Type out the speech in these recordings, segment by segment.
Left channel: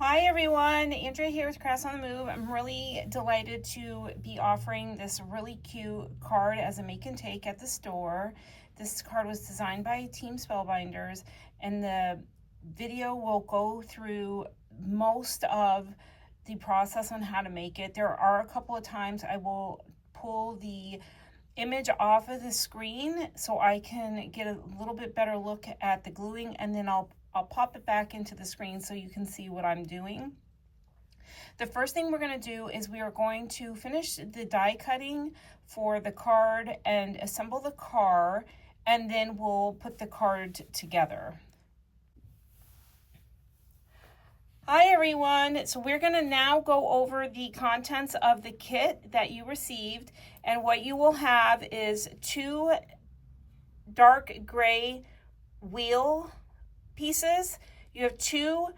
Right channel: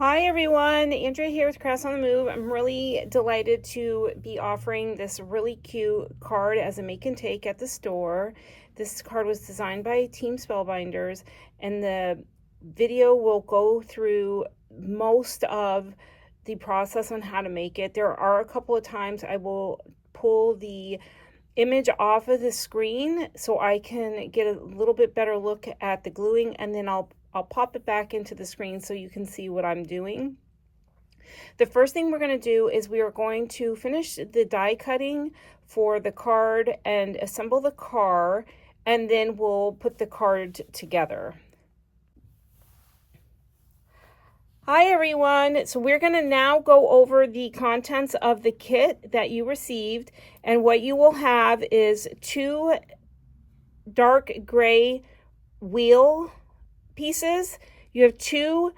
Hi everyone, Andrea here with Crafts on the Move. I'm really delighted to be offering this really cute card as a make and take at the store. This card was designed by Team Spellbinders, and the video will go through most of the process on how to make it. There are a couple of times I will pull the image off of the screen so I can get a little bit better look at the gluing, and then I'll pop it back into the screen so you can see what I'm doing. The first thing we're going to do is we are going to finish the die cutting for the card and assemble the car, and then we'll put the card together. Hi everyone, so we're going to now go over the contents of the kit that you received, and what you will have is 2 dark gray wheel pieces. You have 2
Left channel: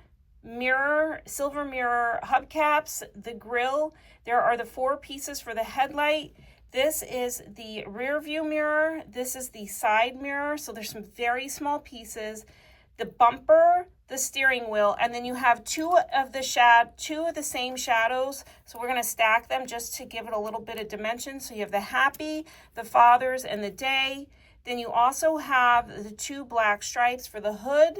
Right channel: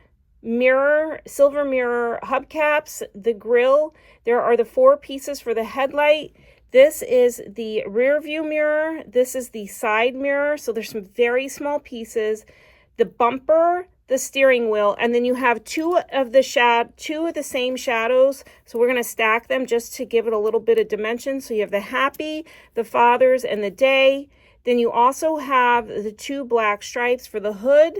silver mirror hubcaps, the grill. There are the 4 pieces for the headlight. This is the rear view mirror. This is the side mirror. So there's some very small pieces. The bumper, the steering wheel, and then you have 2 of the same shadows. So we're going to stack them just to give it a little bit of dimension. So you have the happy, the fathers, and the day. Then you also have the 2 black stripes for the hood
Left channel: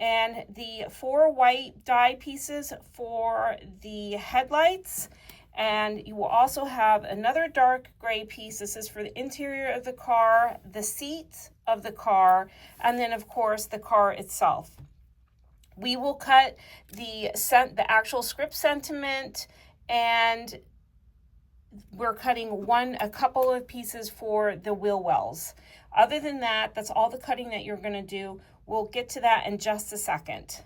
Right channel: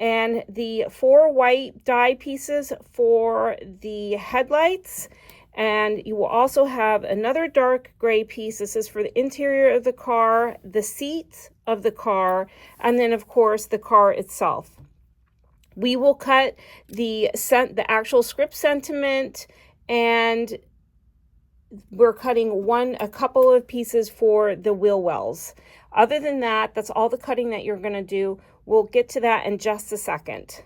and the 4 white die pieces for the headlights. And you will also have another dark gray piece. This is for the interior of the car, the seat of the car, and then of course the car itself. We will cut the actual script sentiment, and we're cutting a couple of pieces for the wheel wells. Other than that, that's all the cutting that you're going to do. We'll get to that in just a second.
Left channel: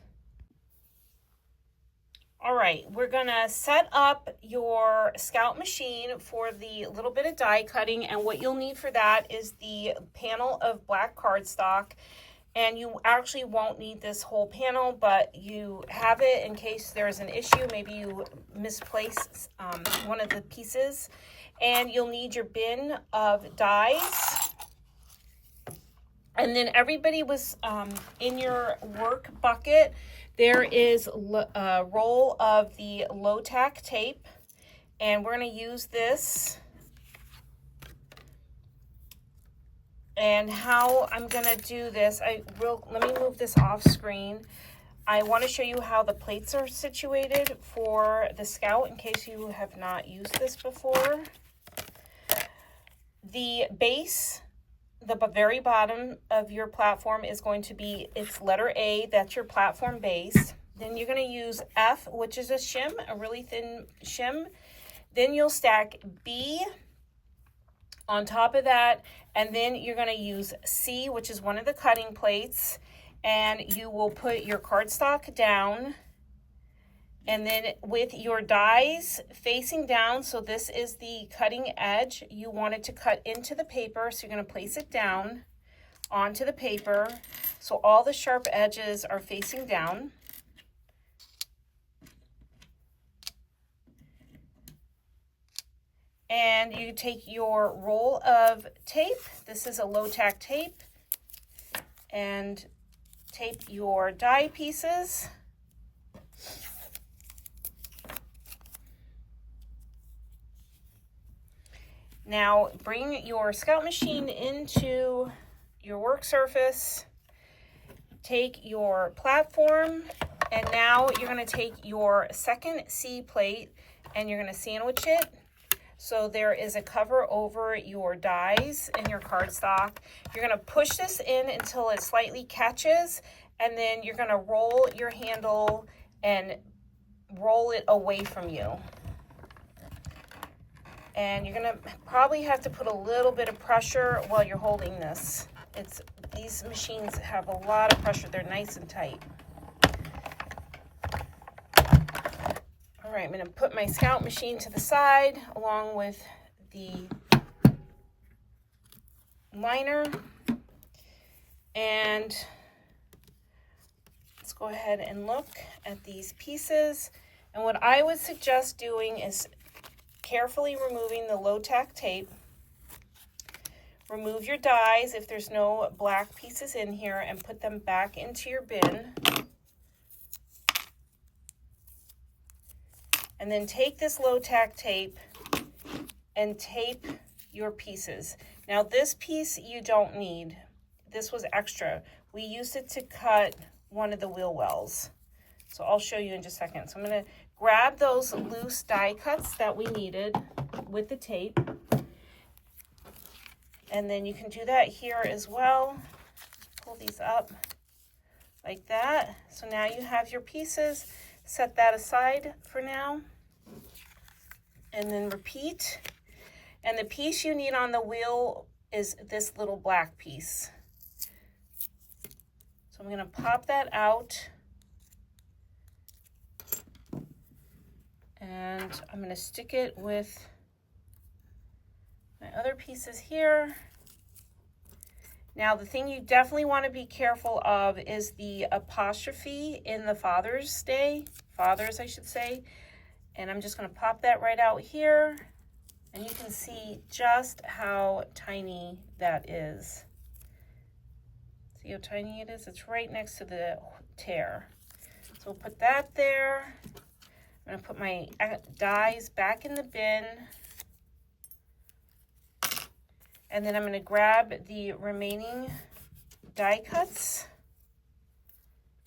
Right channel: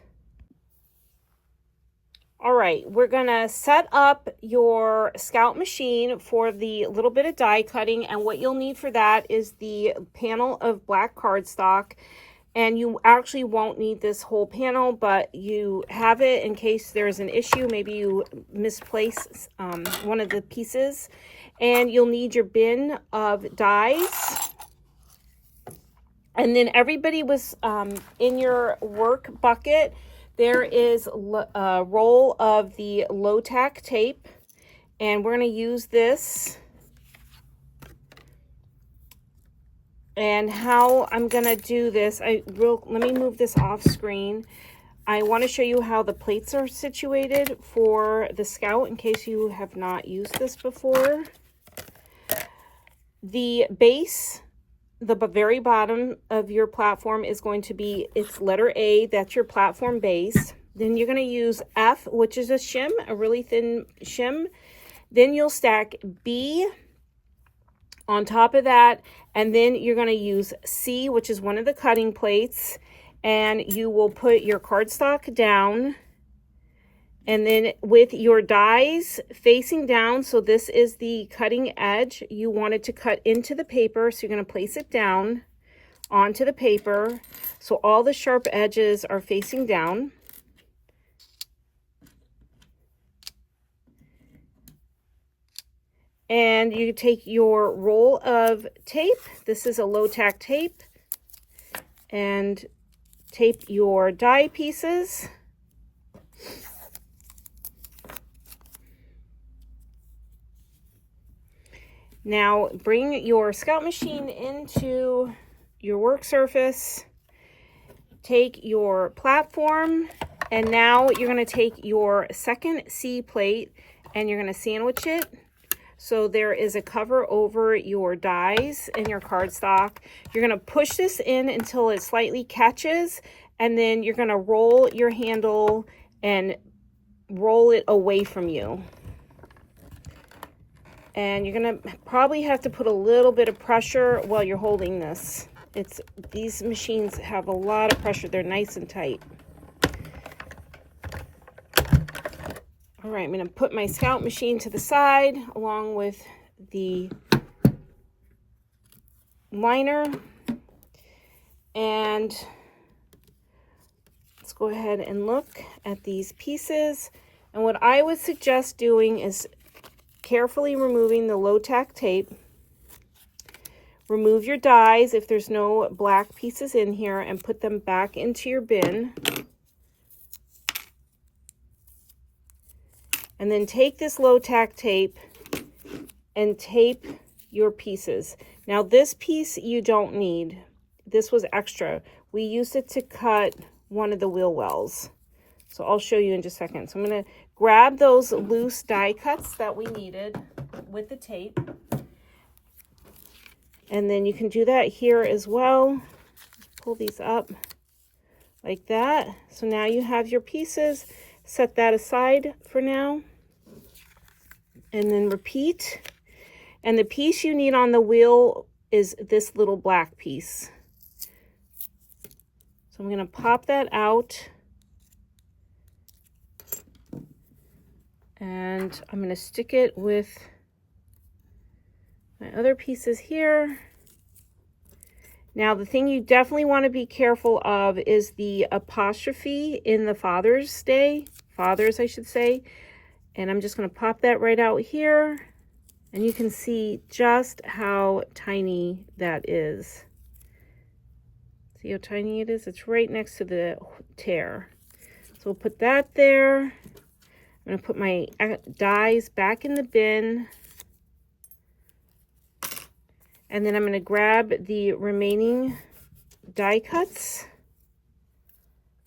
All right, we're going to set up your Scout machine for the little bit of die cutting, and what you'll need for that is the panel of black cardstock. And you actually won't need this whole panel, but you have it in case there's an issue. Maybe you misplace one of the pieces. And you'll need your bin of dies. And then everybody was in your work bucket, there is a roll of the low-tack tape. And we're going to use this. And how I'm going to do this, let me move this off screen. I want to show you how the plates are situated for the Scout in case you have not used this before. The base, the very bottom of your platform is going to be its letter A. That's your platform base. Then you're going to use F, which is a shim, a really thin shim. Then you'll stack B on top of that, and then you're going to use C, which is one of the cutting plates, and you will put your cardstock down, and then with your dies facing down, so this is the cutting edge, you want it to cut into the paper, so you're going to place it down onto the paper, so all the sharp edges are facing down. And you take your roll of tape, this is a low-tack tape, and tape your die pieces. Now bring your Scout machine into your work surface, take your platform, and now you're going to take your second C plate and you're going to sandwich it. So there is a cover over your dies and your cardstock. You're going to push this in until it slightly catches, and then you're going to roll your handle and roll it away from you. And you're going to probably have to put a little bit of pressure while you're holding this. These machines have a lot of pressure. They're nice and tight. All right, I'm going to put my Scout machine to the side along with the liner. And let's go ahead and look at these pieces. And what I would suggest doing is carefully removing the low-tack tape. Remove your dies if there's no black pieces in here and put them back into your bin. And then take this low tack tape and tape your pieces. Now this piece you don't need. This was extra. We used it to cut one of the wheel wells. So I'll show you in just a second. So I'm going to grab those loose die cuts that we needed with the tape. And then you can do that here as well. Pull these up like that. So now you have your pieces. Set that aside for now. And then repeat. And the piece you need on the wheel is this little black piece. So I'm going to pop that out. And I'm going to stick it with my other pieces here. Now the thing you definitely want to be careful of is the apostrophe in the Father's Day. Fathers, I should say. And I'm just going to pop that right out here. And you can see just how tiny that is. See how tiny it is? It's right next to the tear. So we'll put that there. I'm going to put my dies back in the bin. And then I'm going to grab the remaining die cuts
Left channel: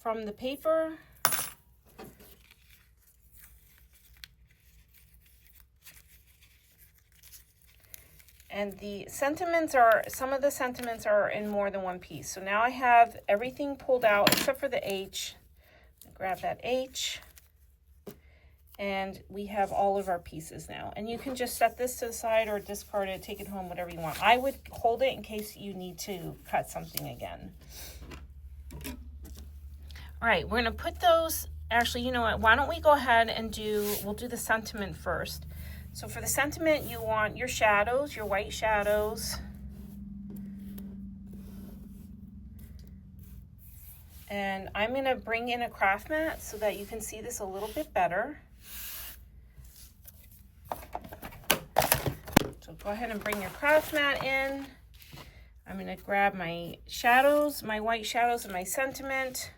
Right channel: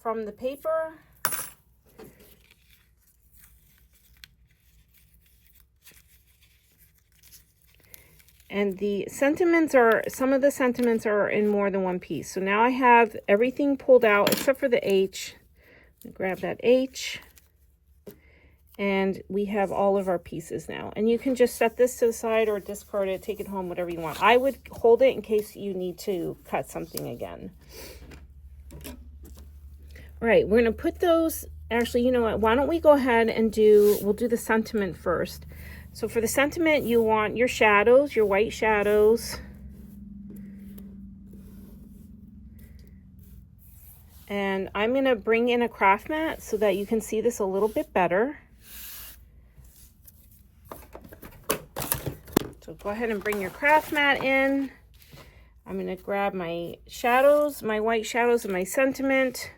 from the paper. And the sentiments are, some of the sentiments are in more than one piece. So now I have everything pulled out except for the H. Grab that H. And we have all of our pieces now. And you can just set this to the side or discard it, take it home, whatever you want. I would hold it in case you need to cut something again. All right, we're going to put those, actually, you know what, why don't we go ahead and we'll do the sentiment first. So for the sentiment, you want your shadows, your white shadows. And I'm going to bring in a craft mat so that you can see this a little bit better. So go ahead and bring your craft mat in. I'm going to grab my shadows, my white shadows and my sentiment.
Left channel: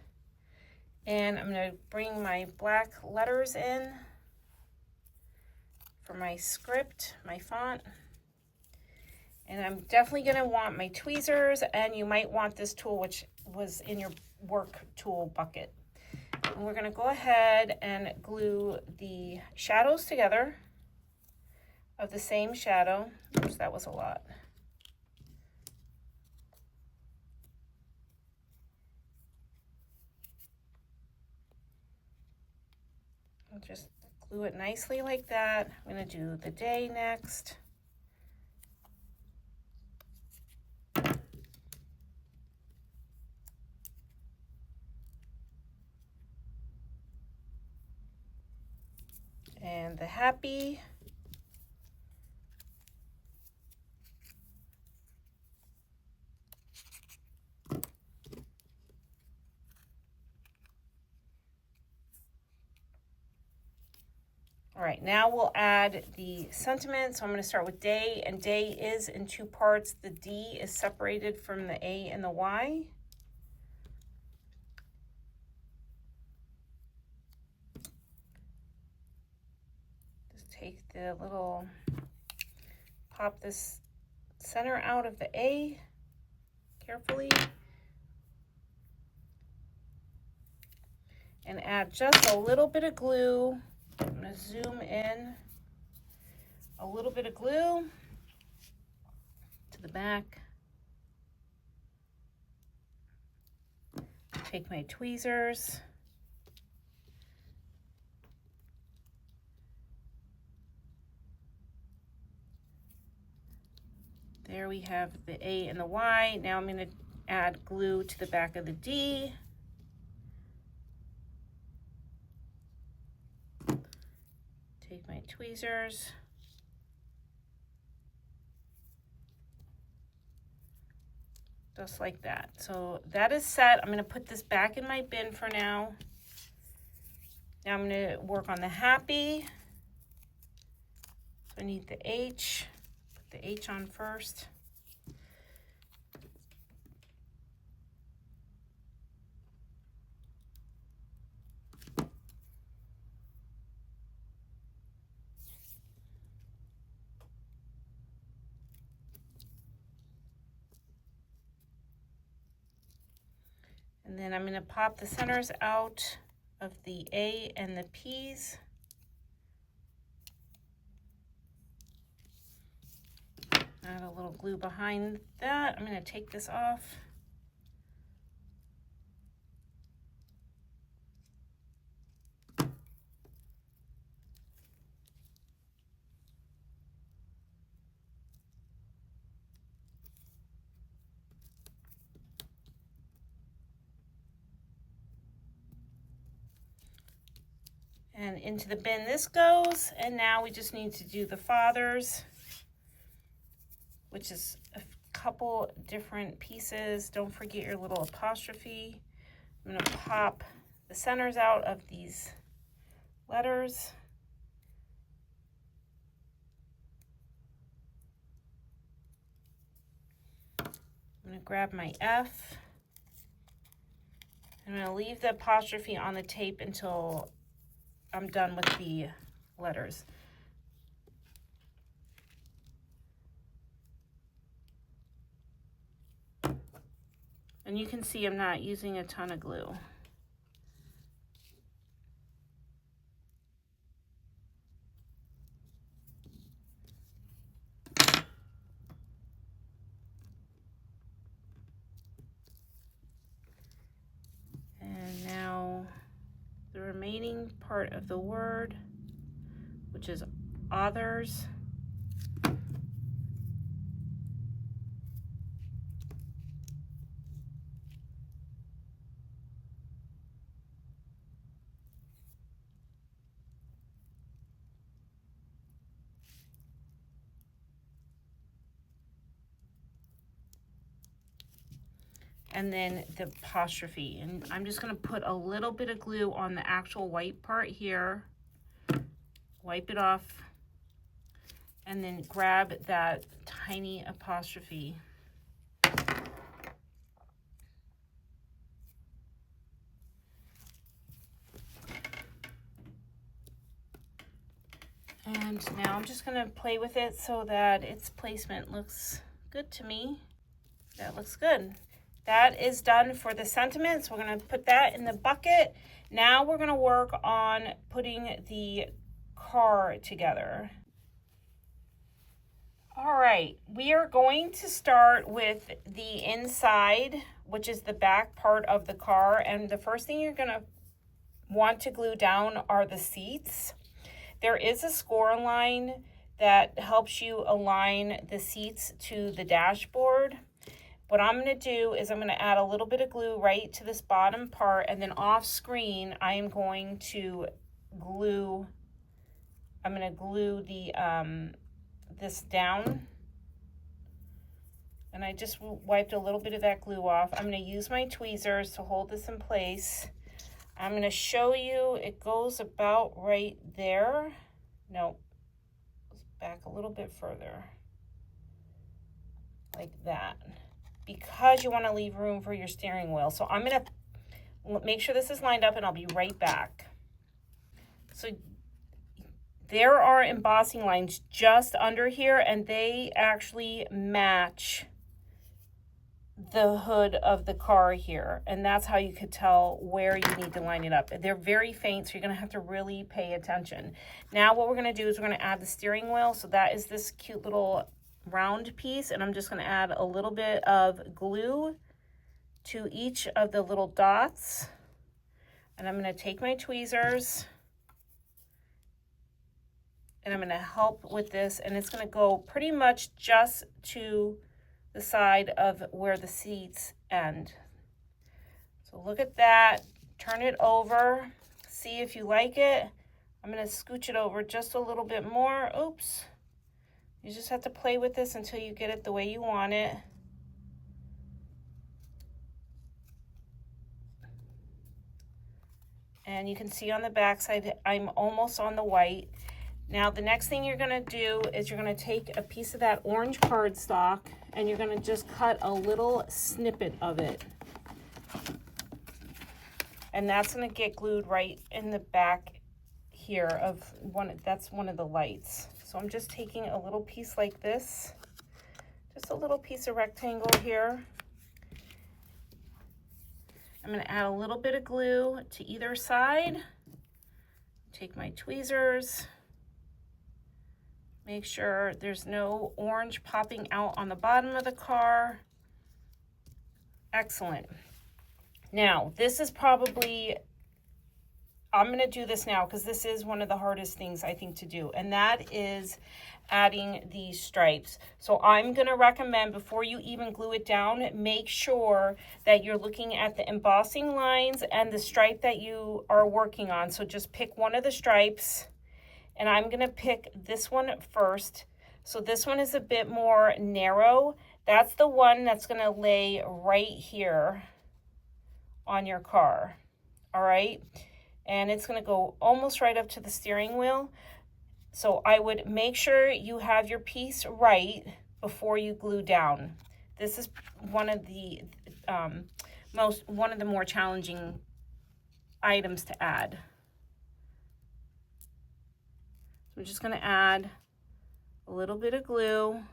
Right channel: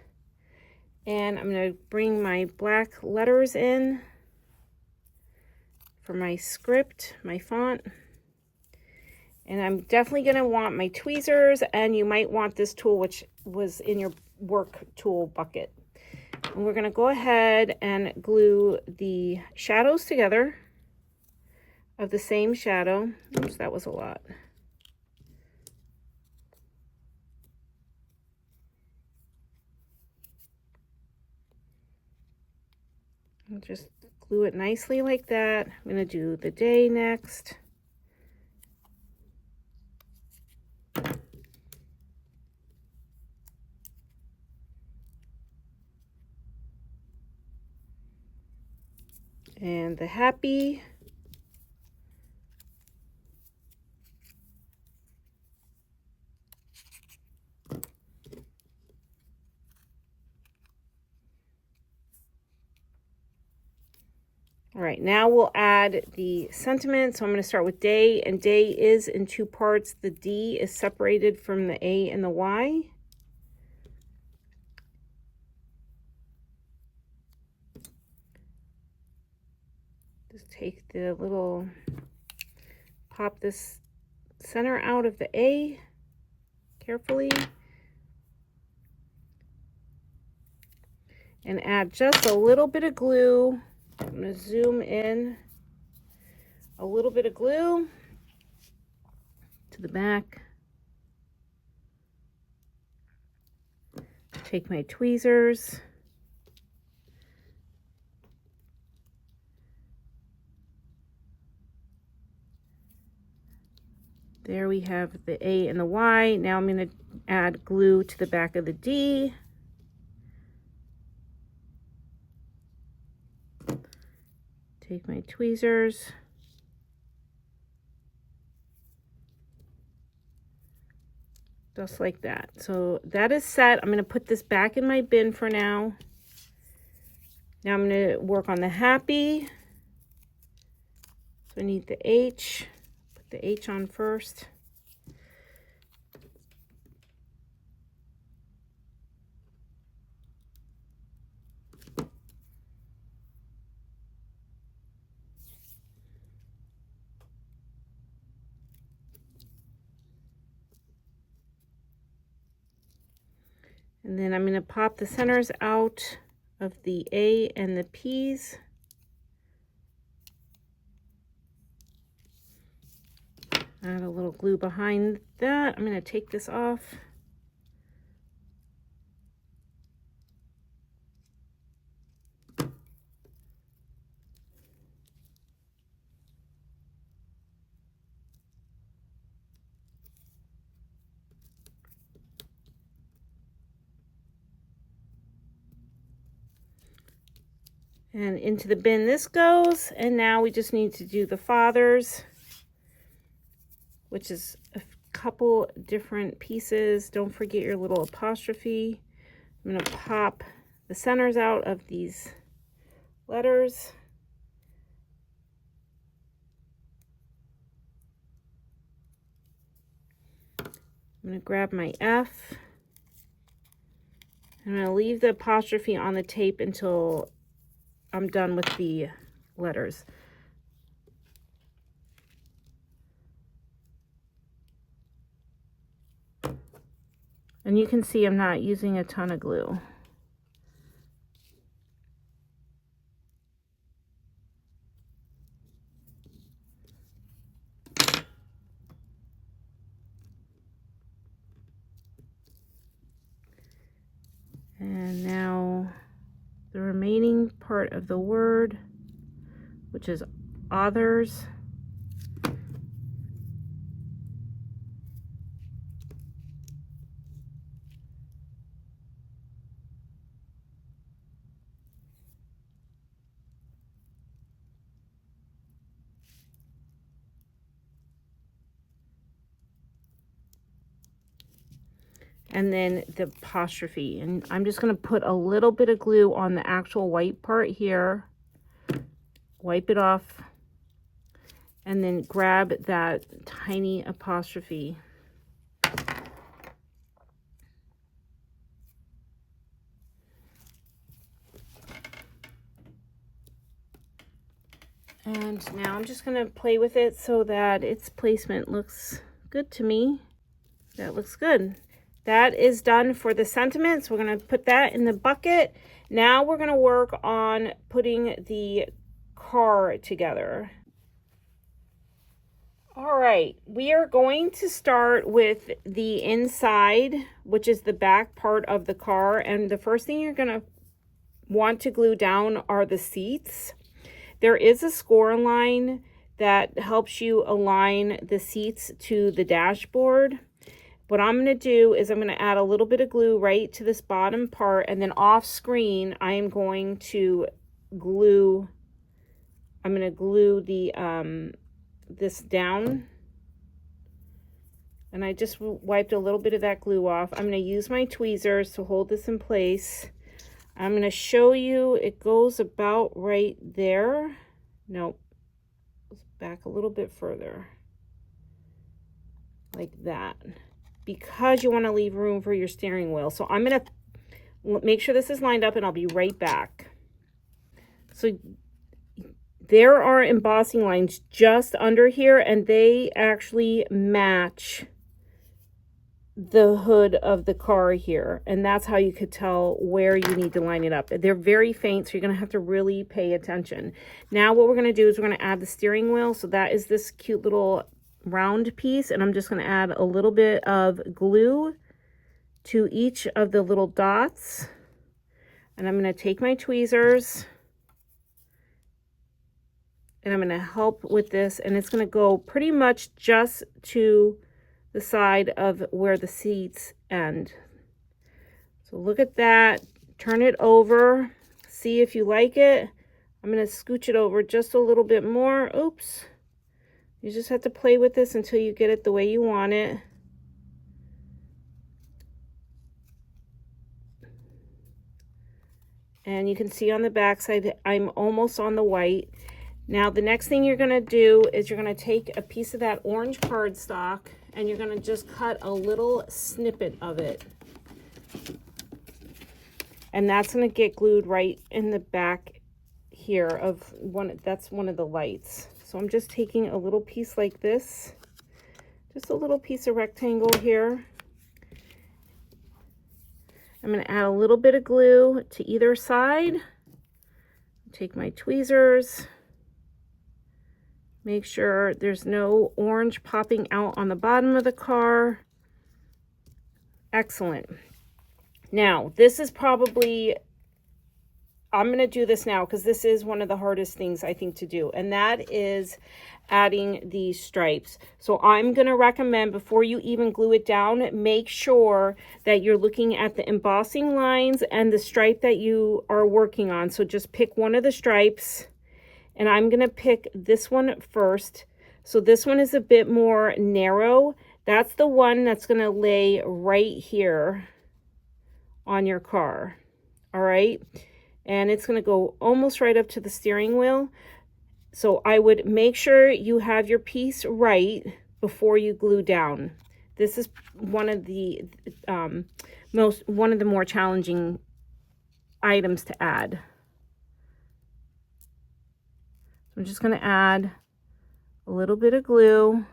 And I'm going to bring my black letters in for my script, my font. And I'm definitely going to want my tweezers, and you might want this tool, which was in your work tool bucket. And we're going to go ahead and glue the shadows together of the same shadow. Oops, that was a lot. I'll just glue it nicely like that. I'm going to do the day next. And the happy. All right, now we'll add the sentiment. So I'm going to start with day, and day is in two parts. The D is separated from the A and the Y. Just take the little, pop this center out of the A carefully. And add just a little bit of glue. I'm going to zoom in a little bit of glue to the back. Take my tweezers. There we have the A and the Y. Now I'm going to add glue to the back of the D. Take my tweezers. Just like that. So that is set. I'm going to put this back in my bin for now. Now I'm going to work on the happy. So I need the H. Put the H on first. And then I'm going to pop the centers out of the A and the P's. Add a little glue behind that. I'm going to take this off. And into the bin this goes. And now we just need to do the fathers, which is a couple different pieces. Don't forget your little apostrophe. I'm going to pop the centers out of these letters. I'm going to grab my F. I'm going to leave the apostrophe on the tape until I'm done with the letters. And you can see I'm not using a ton of glue. And now the remaining part of the word, which is others. And then the apostrophe. And I'm just going to put a little bit of glue on the actual white part here. Wipe it off. And then grab that tiny apostrophe. And now I'm just going to play with it so that its placement looks good to me. That looks good. That is done for the sentiments. We're going to put that in the bucket. Now we're going to work on putting the car together. All right, we are going to start with the inside, which is the back part of the car. And the first thing you're going to want to glue down are the seats. There is a score line that helps you align the seats to the dashboard. What I'm going to do is I'm going to add a little bit of glue right to this bottom part, and then off screen I am going to glue, the this down, and I just wiped a little bit of that glue off. I'm going to use my tweezers to hold this in place. I'm going to show you, it goes about right there. Nope, goes back a little bit further, like that, because you want to leave room for your steering wheel. So I'm going to make sure this is lined up, and I'll be right back. So there are embossing lines just under here, and they actually match the hood of the car here, and that's how you could tell where you need to line it up. They're very faint, so you're going to have to really pay attention. Now what we're going to do is we're going to add the steering wheel. So that is this cute little round piece, and I'm just going to add a little bit of glue to each of the little dots, and I'm going to take my tweezers and I'm going to help with this, and it's going to go pretty much just to the side of where the seats end. So look at that, turn it over, see if you like it. I'm going to scooch it over just a little bit more. Oops. You just have to play with this until you get it the way you want it. And you can see on the back side, I'm almost on the white. Now the next thing you're going to do is you're going to take a piece of that orange cardstock, and you're going to just cut a little snippet of it. And that's going to get glued right in the back here of that's one of the lights. So I'm just taking a little piece like this, just a little piece of rectangle here. I'm going to add a little bit of glue to either side. Take my tweezers. Make sure there's no orange popping out on the bottom of the car. Excellent. Now, this is probably, I'm going to do this now because this is one of the hardest things I think to do, and that is adding these stripes. So I'm going to recommend, before you even glue it down, make sure that you're looking at the embossing lines and the stripe that you are working on. So just pick one of the stripes, and I'm going to pick this one first. So this one is a bit more narrow. That's the one that's going to lay right here on your car. All right. And it's going to go almost right up to the steering wheel. So I would make sure you have your piece right before you glue down. This is one of the more challenging items to add. I'm just going to add a little bit of glue.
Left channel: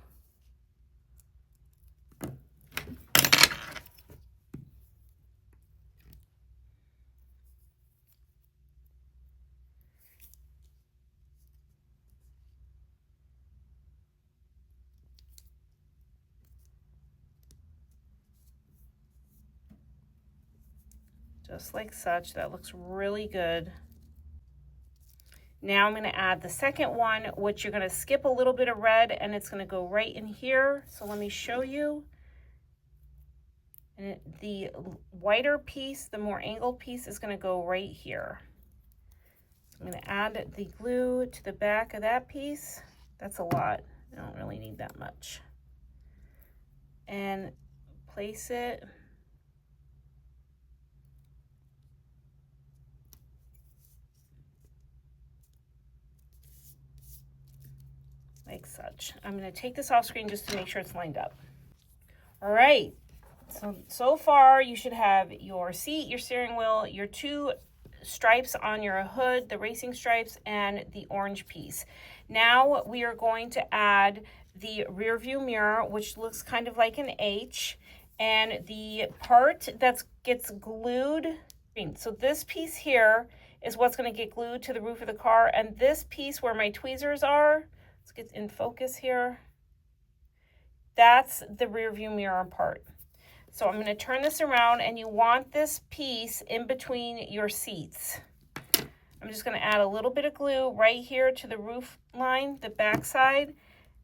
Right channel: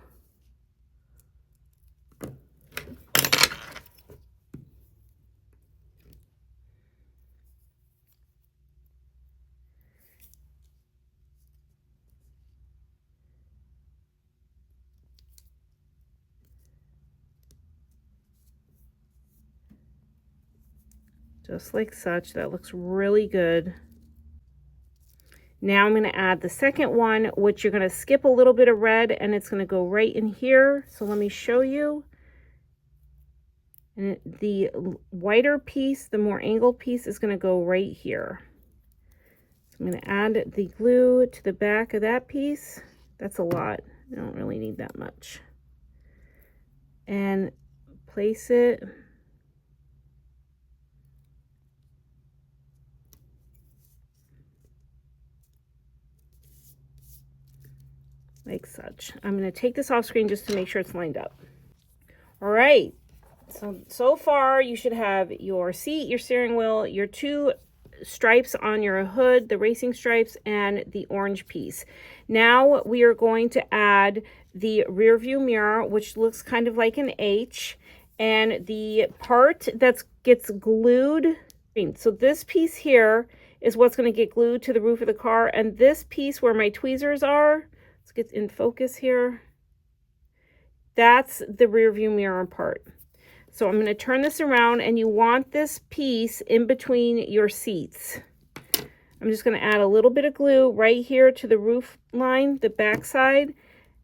Just like such. That looks really good. Now I'm going to add the second one, which you're going to skip a little bit of red, and it's going to go right in here. So let me show you. And the whiter piece, the more angled piece, is going to go right here. So I'm going to add the glue to the back of that piece. That's a lot. I don't really need that much. And place it like such. I'm going to take this off screen just to make sure it's lined up. All right. So far you should have your seat, your steering wheel, your two stripes on your hood, the racing stripes, and the orange piece. Now we are going to add the rear view mirror, which looks kind of like an H, and the part that gets glued. So this piece here is what's going to get glued to the roof of the car, and this piece where my tweezers are, let's get in focus here, that's the rear view mirror part. So I'm going to turn this around, and you want this piece in between your seats. I'm just going to add a little bit of glue right here to the roof line, the back side,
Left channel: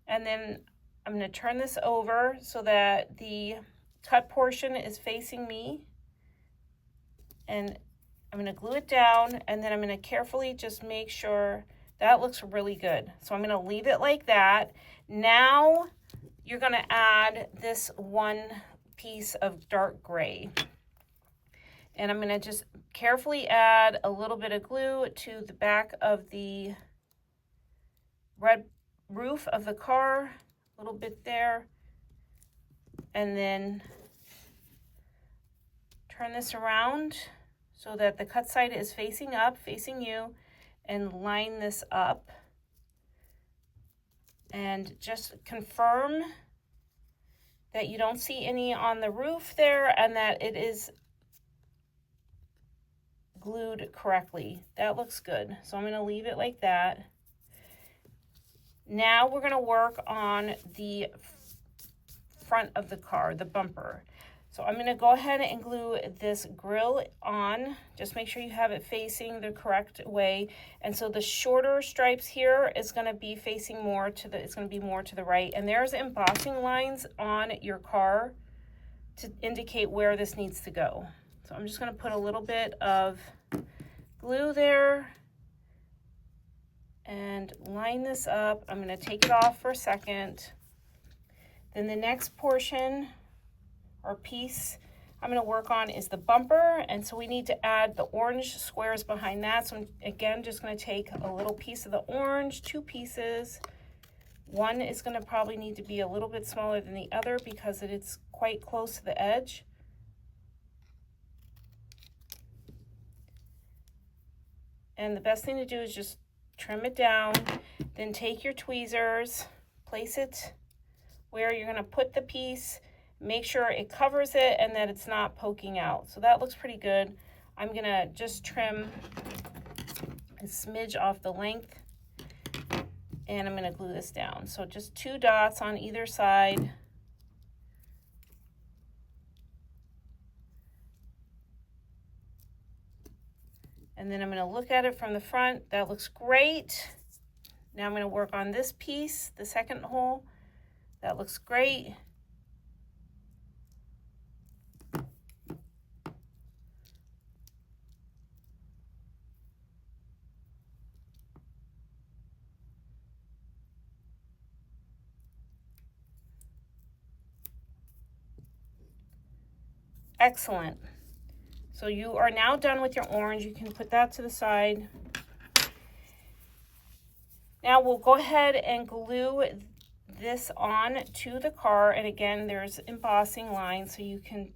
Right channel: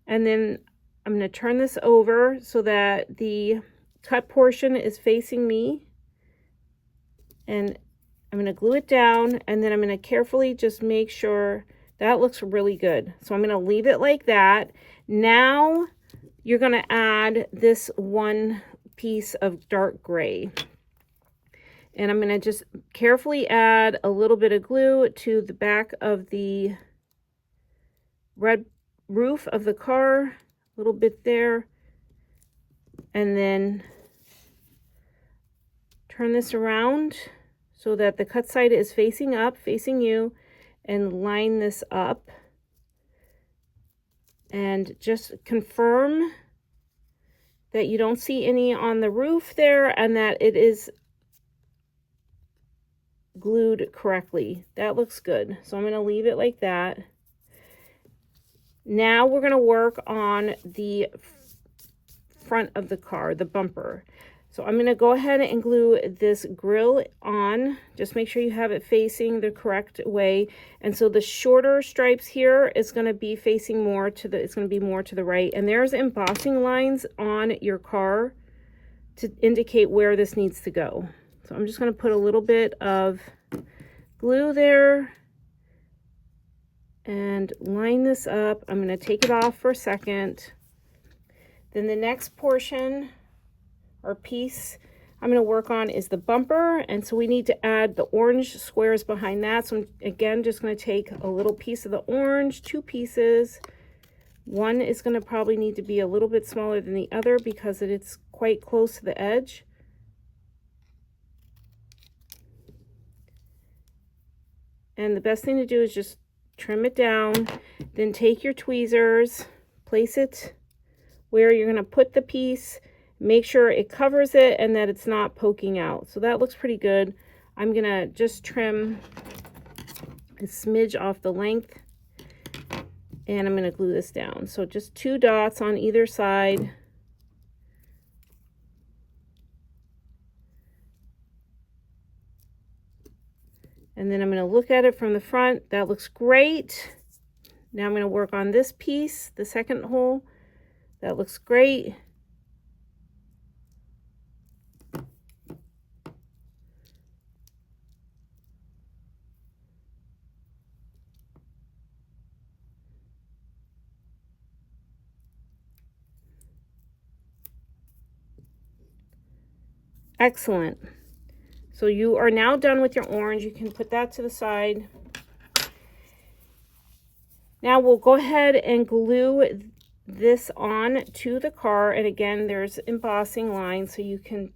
and then I'm going to turn this over so that the cut portion is facing me, and I'm going to glue it down, and then I'm going to carefully just make sure that looks really good. So I'm going to leave it like that. Now you're going to add this one piece of dark gray, and I'm going to just carefully add a little bit of glue to the back of the red roof of the car, a little bit there, and then turn this around so that the cut side is facing up, facing you, and line this up, and just confirm that you don't see any on the roof there and that it is glued correctly. That looks good. So I'm going to leave it like that. Now we're going to work on the front of the car, the bumper. So I'm going to go ahead and glue this grill on. Just make sure you have it facing the correct way. And so the shorter stripes here is going to be facing more to the, it's going to be more to the right. And there's embossing lines on your car to indicate where this needs to go. So I'm just going to put a little bit of glue there and line this up. I'm going to take it off for a second. Then the next portion or piece I'm going to work on is the bumper, and so we need to add the orange squares behind that. So I'm again just going to take a little piece of the orange, two pieces. One is going to probably need to be a little bit smaller than the other because it's quite close to the edge. And the best thing to do is just trim it down, then take your tweezers, place it where you're going to put the piece, make sure it covers it and that it's not poking out. So that looks pretty good. I'm gonna just trim a smidge off the length, and I'm gonna glue this down. So just 2 dots on either side. And then I'm gonna look at it from the front. That looks great. Now I'm gonna work on this piece, the second hole. That looks great. Excellent. So you are now done with your orange. You can put that to the side. Now we'll go ahead and glue this on to the car. And again, there's embossing lines so you can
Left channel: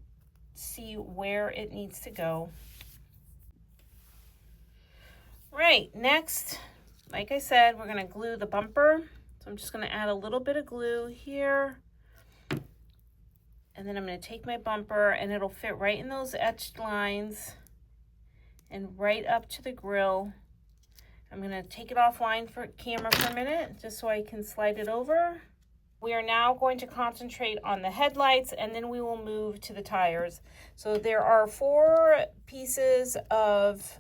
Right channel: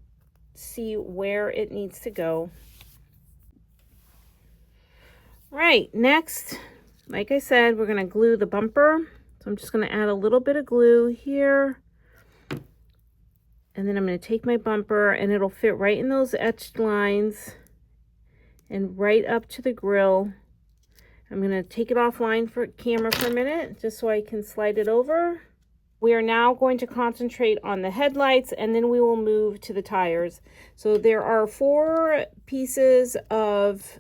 see where it needs to go. Right, next, like I said, we're gonna glue the bumper. So I'm just gonna add a little bit of glue here. And then I'm gonna take my bumper and it'll fit right in those etched lines and right up to the grill. I'm gonna take it offline for camera for a minute, just so I can slide it over. We are now going to concentrate on the headlights, and then we will move to the tires. So there are 4 pieces of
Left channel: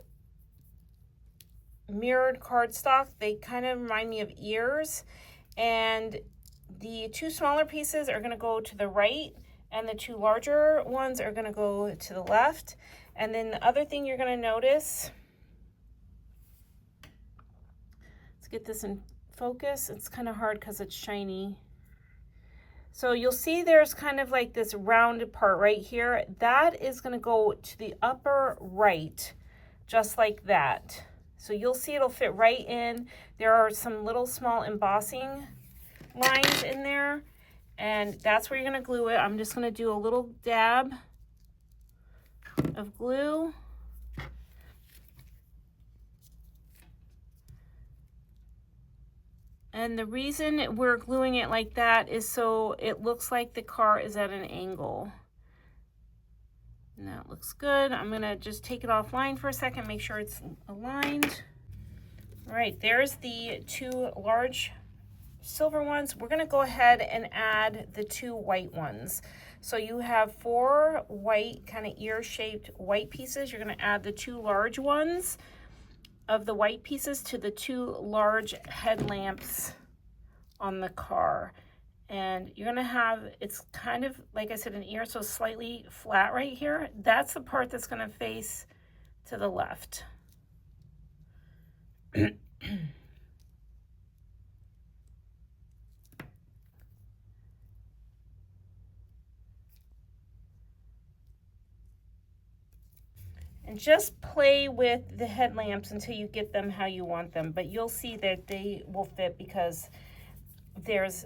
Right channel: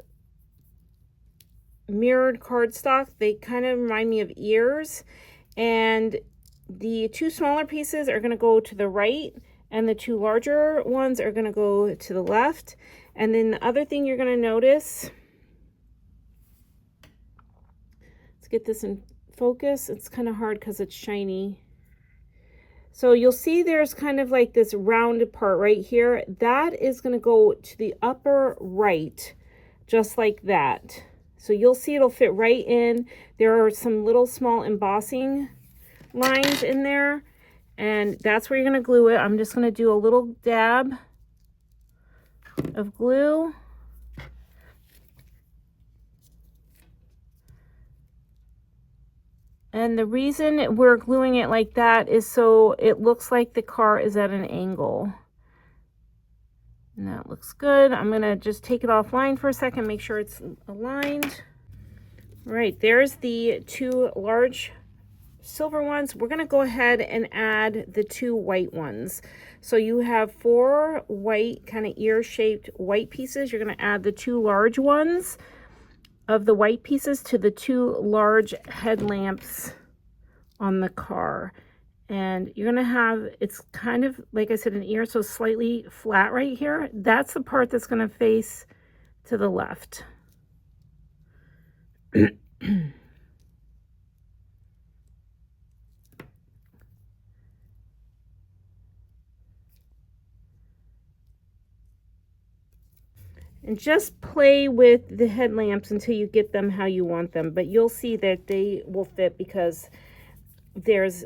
mirrored cardstock. They kind of remind me of ears, and the 2 smaller pieces are gonna go to the right, and the 2 larger ones are gonna go to the left. And then the other thing you're gonna notice, let's get this in focus. It's kind of hard because it's shiny. So you'll see there's kind of like this rounded part right here. That is gonna go to the upper right, just like that. So you'll see it'll fit right in. There are some little small embossing lines in there, and that's where you're gonna glue it. I'm just gonna do a little dab of glue. And the reason we're gluing it like that is so it looks like the car is at an angle. And that looks good. I'm gonna just take it offline for a second, make sure it's aligned. All right, there's the 2 large silver ones. We're gonna go ahead and add the 2 white ones. So you have 4 white, kind of ear-shaped white pieces. You're gonna add the 2 large ones of the white pieces to the 2 large headlamps on the car. And you're gonna have, it's kind of, like I said, an ear, so slightly flat right here. That's the part that's gonna face to the left. And just play with the headlamps until you get them how you want them, but you'll see that they will fit because there's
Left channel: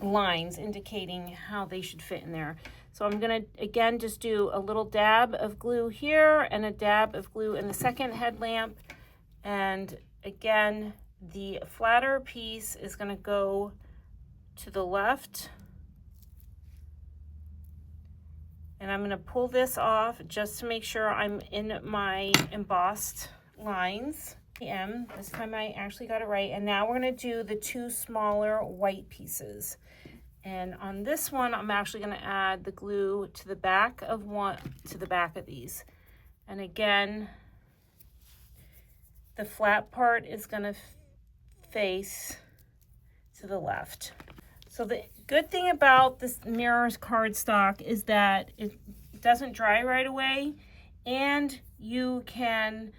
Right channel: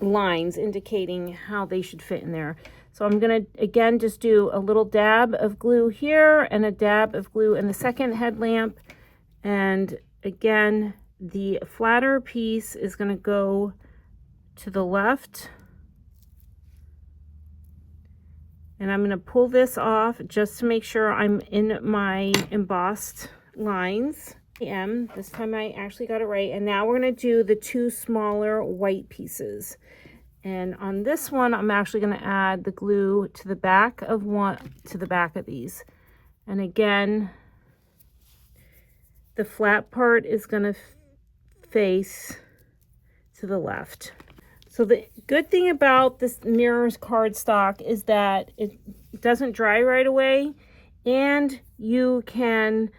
lines indicating how they should fit in there. So I'm gonna, again, just do a little dab of glue here and a dab of glue in the second headlamp. And again, the flatter piece is gonna go to the left. And I'm gonna pull this off just to make sure I'm in my embossed lines. This time I actually got it right. And now we're gonna do the 2 smaller white pieces. And on this one, I'm actually gonna add the glue to the back of these. And again, the flat part is gonna face to the left. So the good thing about this mirrors cardstock is that it doesn't dry right away, and you can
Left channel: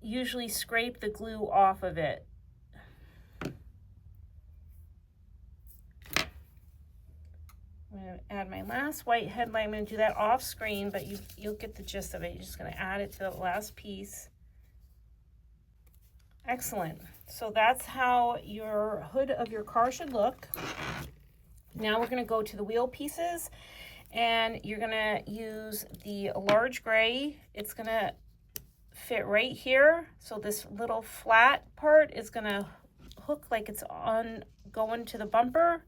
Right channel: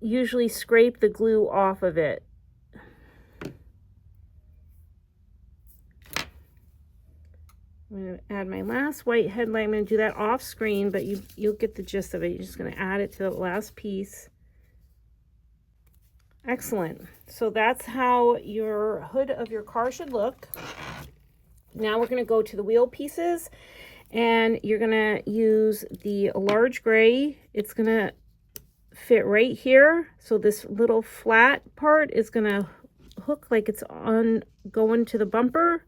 usually scrape the glue off of it. I'm going to add my last white headlight. I'm going to do that off screen, but you'll get the gist of it. You're just going to add it to the last piece. Excellent. So that's how your hood of your car should look. Now we're going to go to the wheel pieces, and you're going to use the large gray. It's going to fit right here. So this little flat part is going to hook like it's on going to the bumper.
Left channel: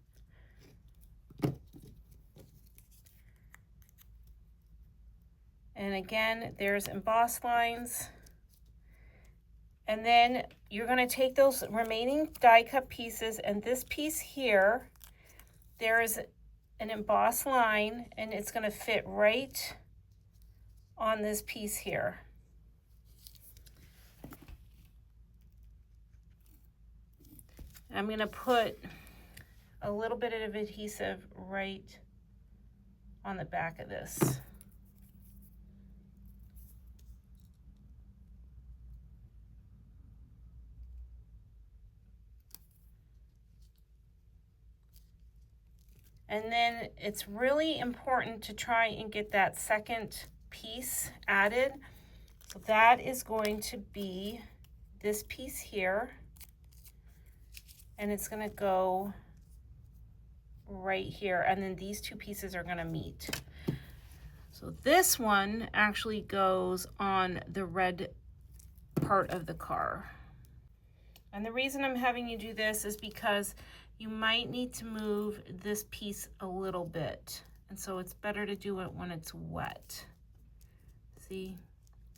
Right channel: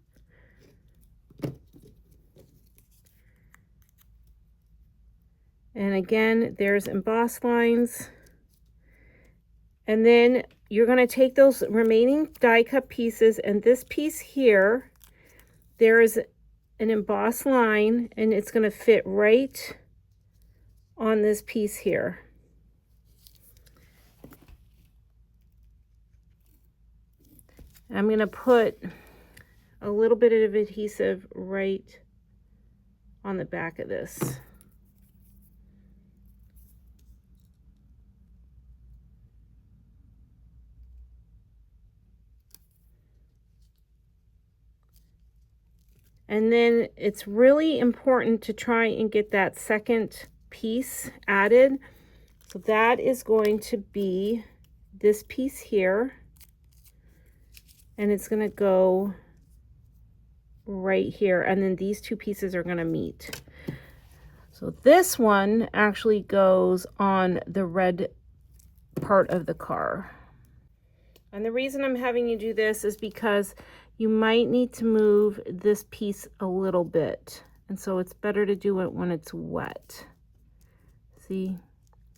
And again, there's embossed lines. And then you're going to take those remaining die cut pieces, and this piece here, there is an embossed line, and it's going to fit right on this piece here. I'm going to put a little bit of adhesive right on the back of this. And then it's really important to try and get that second piece added. So that is going to be this piece here. And it's going to go right here. And then these two pieces are going to meet. So this one actually goes on the red part of the car. And the reason I'm having you do this is because you might need to move this piece a little bit. And so it's better to do it when it's wet. See,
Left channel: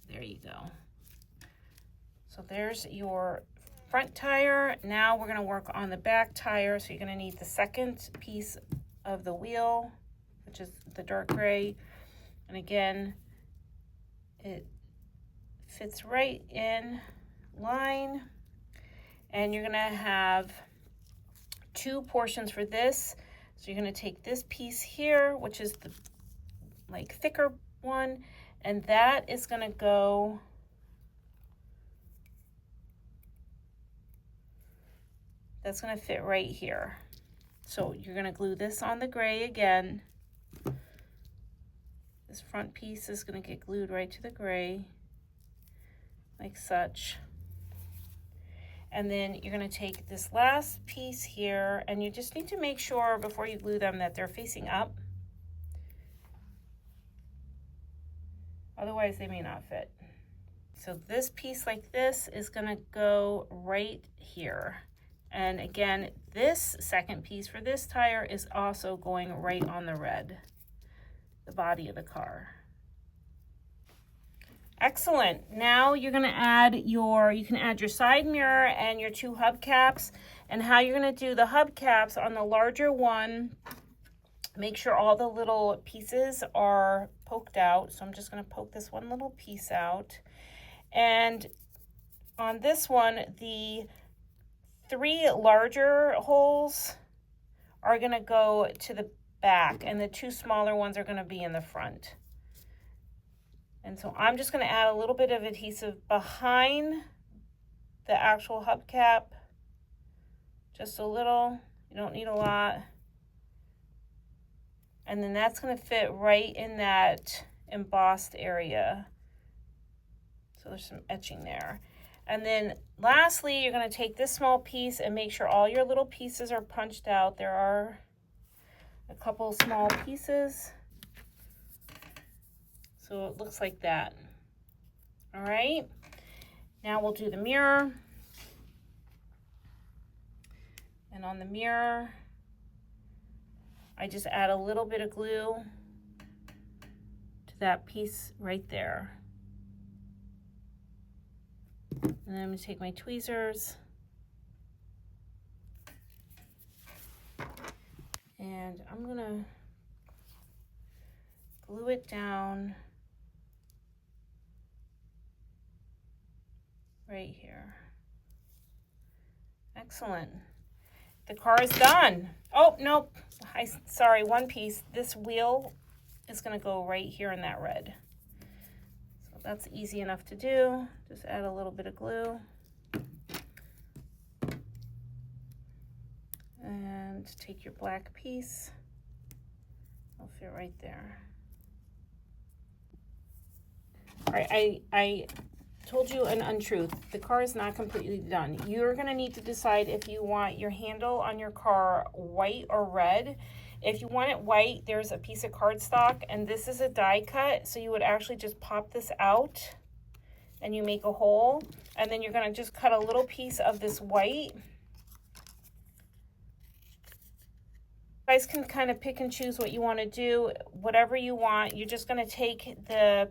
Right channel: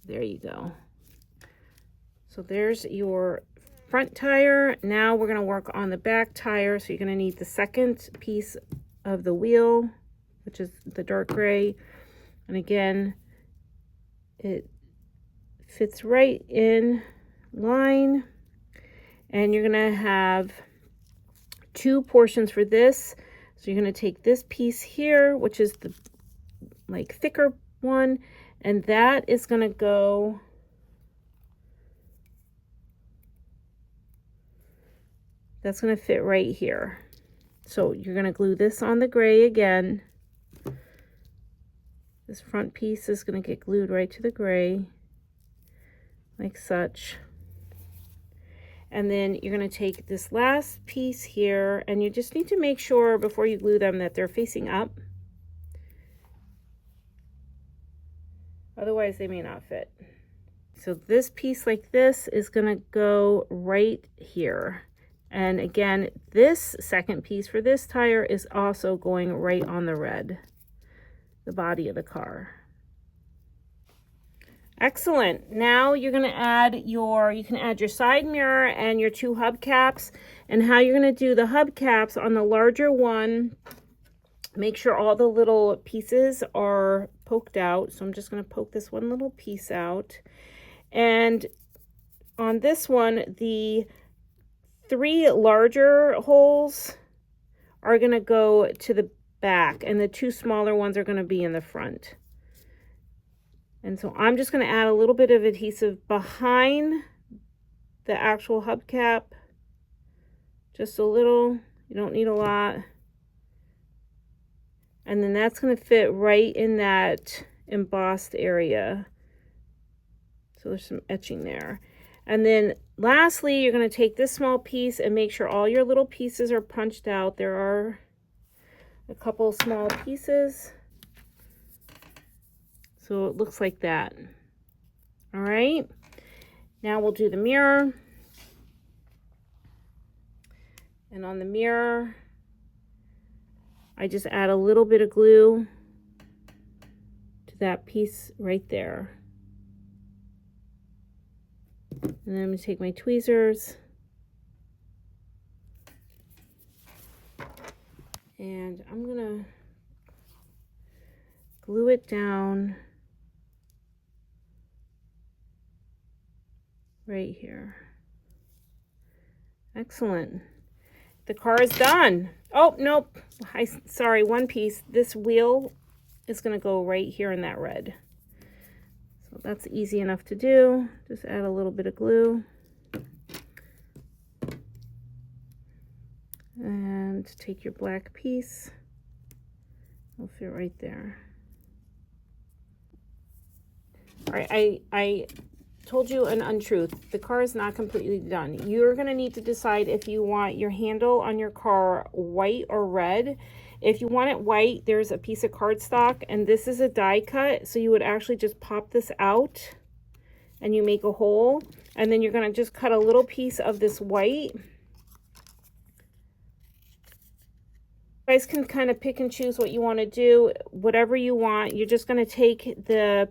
there you go. So there's your front tire. Now we're gonna work on the back tire. So you're gonna need the second piece of the wheel, which is the dark gray. And again, it fits right in line. And you're gonna have two portions for this. So you're going to take this piece here, which is the like thicker one, and that is going to go that's going to fit right here. So you're going to glue this on the gray again. This front piece is going to get glued right to the gray like such. And then you're going to take this last piece here, and you just need to make sure before you glue them that they're facing up. Otherwise, they may not fit. So this piece like this is going to go right here. And again, this second piece for this tire is also going right on the red, the body of the car. Excellent. Now you're going to add you can add your side mirror and your two hubcaps. And how you're going to do the hubcaps on the larger one, make sure all the little pieces are poked out. So I'm just going to poke this one little piece out. And on this one, the 3 larger holes are going to go to the back, and the 2 smaller ones are going to be in the front. And so I'm just going to add a little bit of adhesive behind the actual hubcap. Just a little. You don't need a lot. And then that's going to fit right in that embossed area. So there's some etching there. And then lastly, you're going to take this small piece and make sure all your little pieces are punched out. There are a couple small pieces. So it looks like that. All right. Now we'll do the mirror. And on the mirror, I just add a little bit of glue to that piece right there. And then I'm going to take my tweezers and I'm going to glue it down right here. Excellent. The car is done. Oh, nope. Sorry, one piece. This wheel is going to go right here in that red. So that's easy enough to do. Just add a little bit of glue. And take your black piece. It'll fit right there. All right, I told you an untruth. The car is not completely done. You're going to need to decide if you want your handle on your car white or red. If you want it white, there's a piece of cardstock, and this is a die cut, so you would actually just pop this out and you make a hole, and then you're going to just cut a little piece of this white. You guys can kind of pick and choose what you want to do, whatever you want. You're just going to take the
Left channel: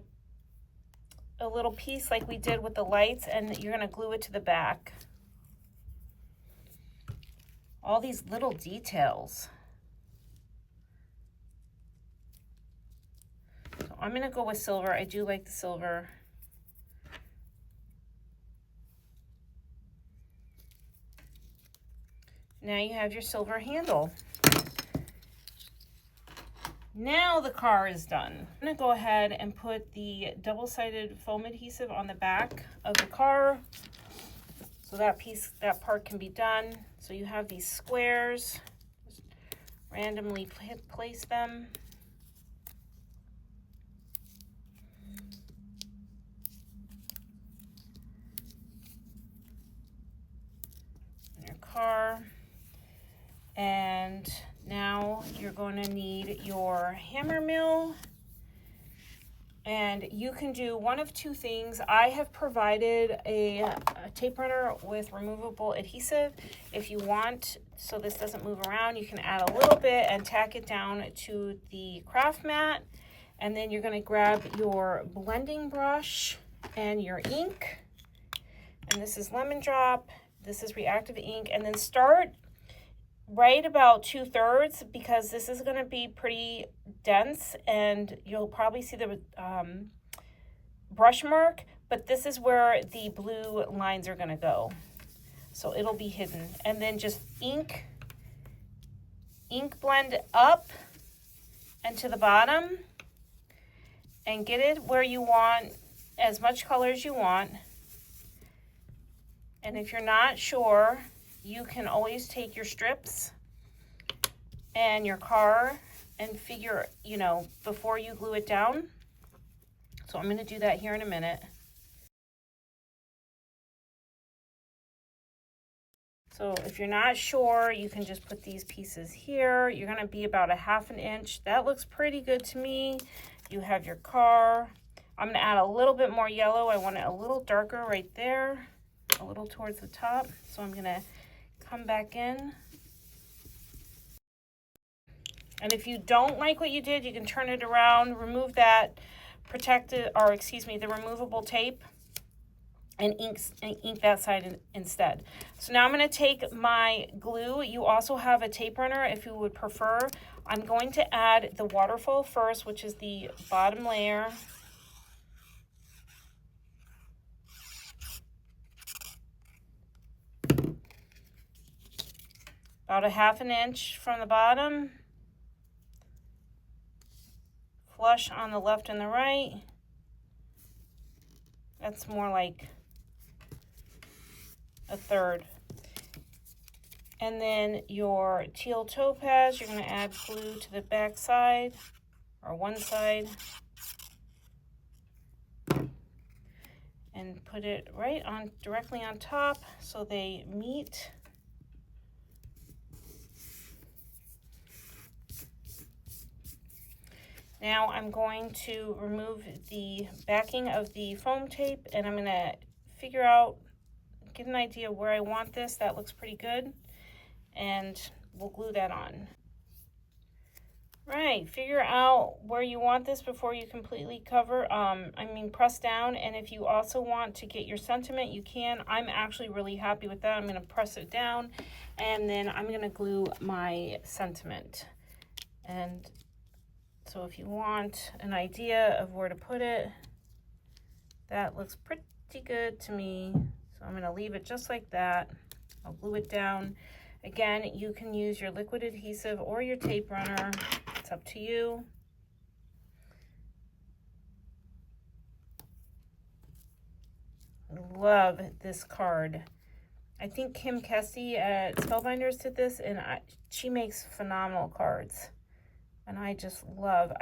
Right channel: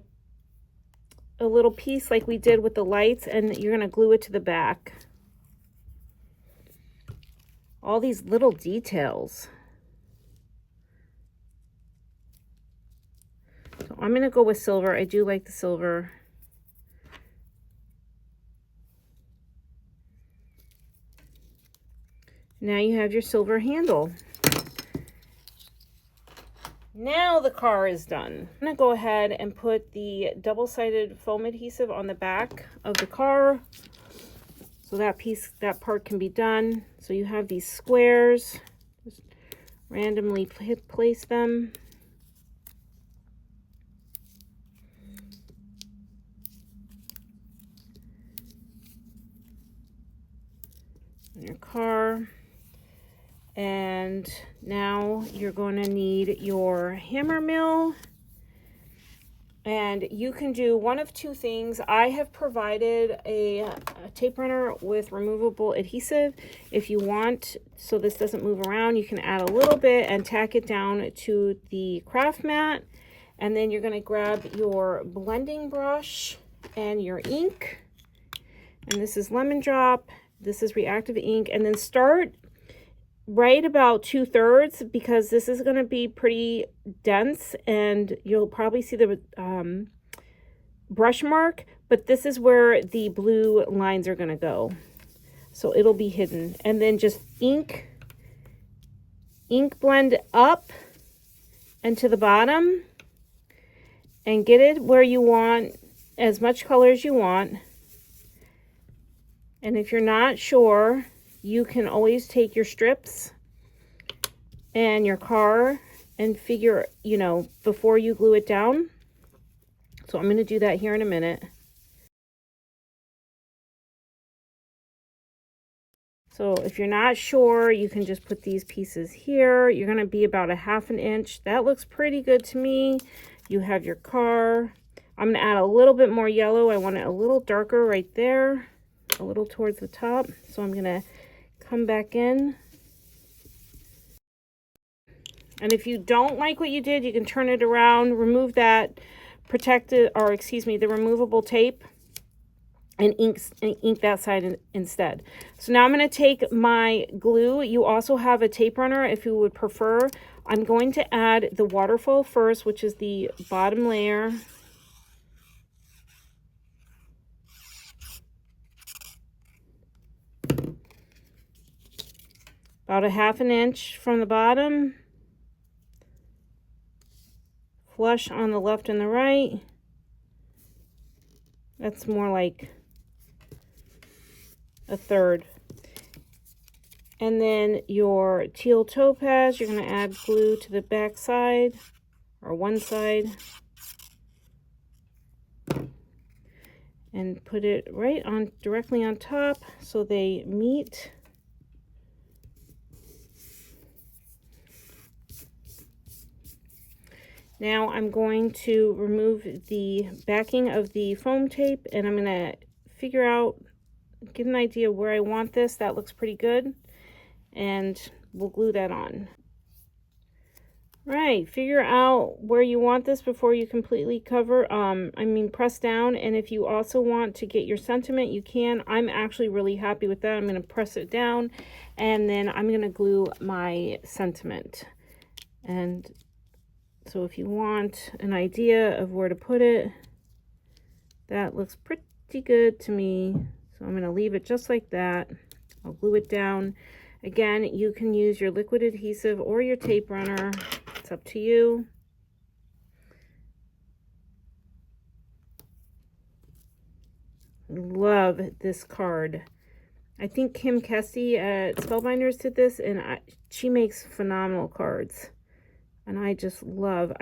a little piece like we did with the lights, and you're going to glue it to the back. All these little details. So I'm going to go with silver. I do like the silver. Now you have your silver handle. Now the car is done. I'm going to go ahead and put the double-sided foam adhesive on the back of the car so that part can be done. So you have these squares. Just randomly place them. In your car. And now you're going to need your hammer mill, and you can do one of two things. I have provided a tape runner with removable adhesive. If you want, so this doesn't move around, you can add a little bit and tack it down to the craft mat, and then you're going to grab your blending brush and your ink, and this is lemon drop, this is reactive ink, and then start right about 2/3 because this is going to be pretty dense and you'll probably see the brush mark, but this is where the blue lines are going to go, so it'll be hidden. And then just ink blend up and to the bottom and get it where you want, as much color as you want. And if you're not sure, you can always take your strips and your car and figure, you know, before you glue it down. So I'm going to do that here in a minute. So if you're not sure, you can just put these pieces here. You're going to be about 1/2 inch. That looks pretty good to me. You have your car. I'm going to add a little bit more yellow. I want it a little darker right there, a little towards the top. So I'm going to come back in, and if you don't like what you did, you can turn it around, remove that protected, or excuse me, the removable tape, and ink that side instead. So now I'm going to take my glue. You also have a tape runner if you would prefer. I'm going to add the waterfall first, which is the bottom layer. About 1/2 inch from the bottom, flush on the left and the right. That's more like 1/3. And then your teal topaz, you're going to add glue to the back side, or one side, and put it right on, directly on top so they meet. Now I'm going to remove the backing of the foam tape, and I'm going to figure out, get an idea where I want this. That looks pretty good, and we'll glue that on. Right, figure out where you want this before you completely cover, press down. And if you also want to get your sentiment, you can. I'm actually really happy with that. I'm going to press it down, and then I'm going to glue my sentiment. And so if you want an idea of where to put it, that looks pretty good to me. So I'm going to leave it just like that. I'll glue it down. Again, you can use your liquid adhesive or your tape runner. It's up to you. Love this card. I think Kim Kesty at Spellbinders did this, and she makes phenomenal cards. And I just love,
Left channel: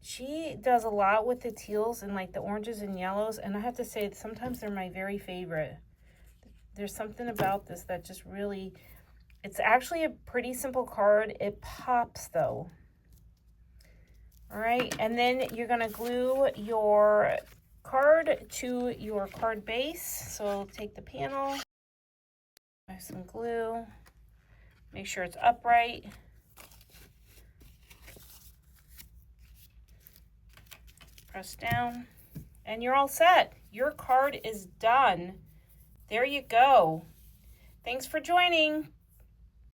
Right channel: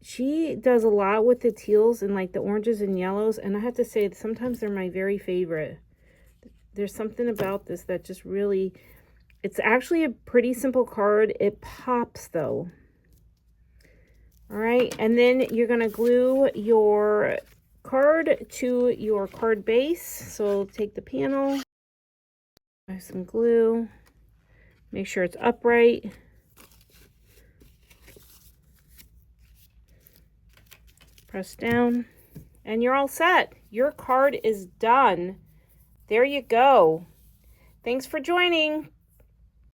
she does a lot with the teals and like the oranges and yellows, and I have to say sometimes they're my very favorite. There's something about this that just really, it's actually a pretty simple card. It pops though. All right, and then you're going to glue your card to your card base. So take the panel, have some glue, make sure it's upright. Press down, and you're all set. Your card is done. There you go. Thanks for joining.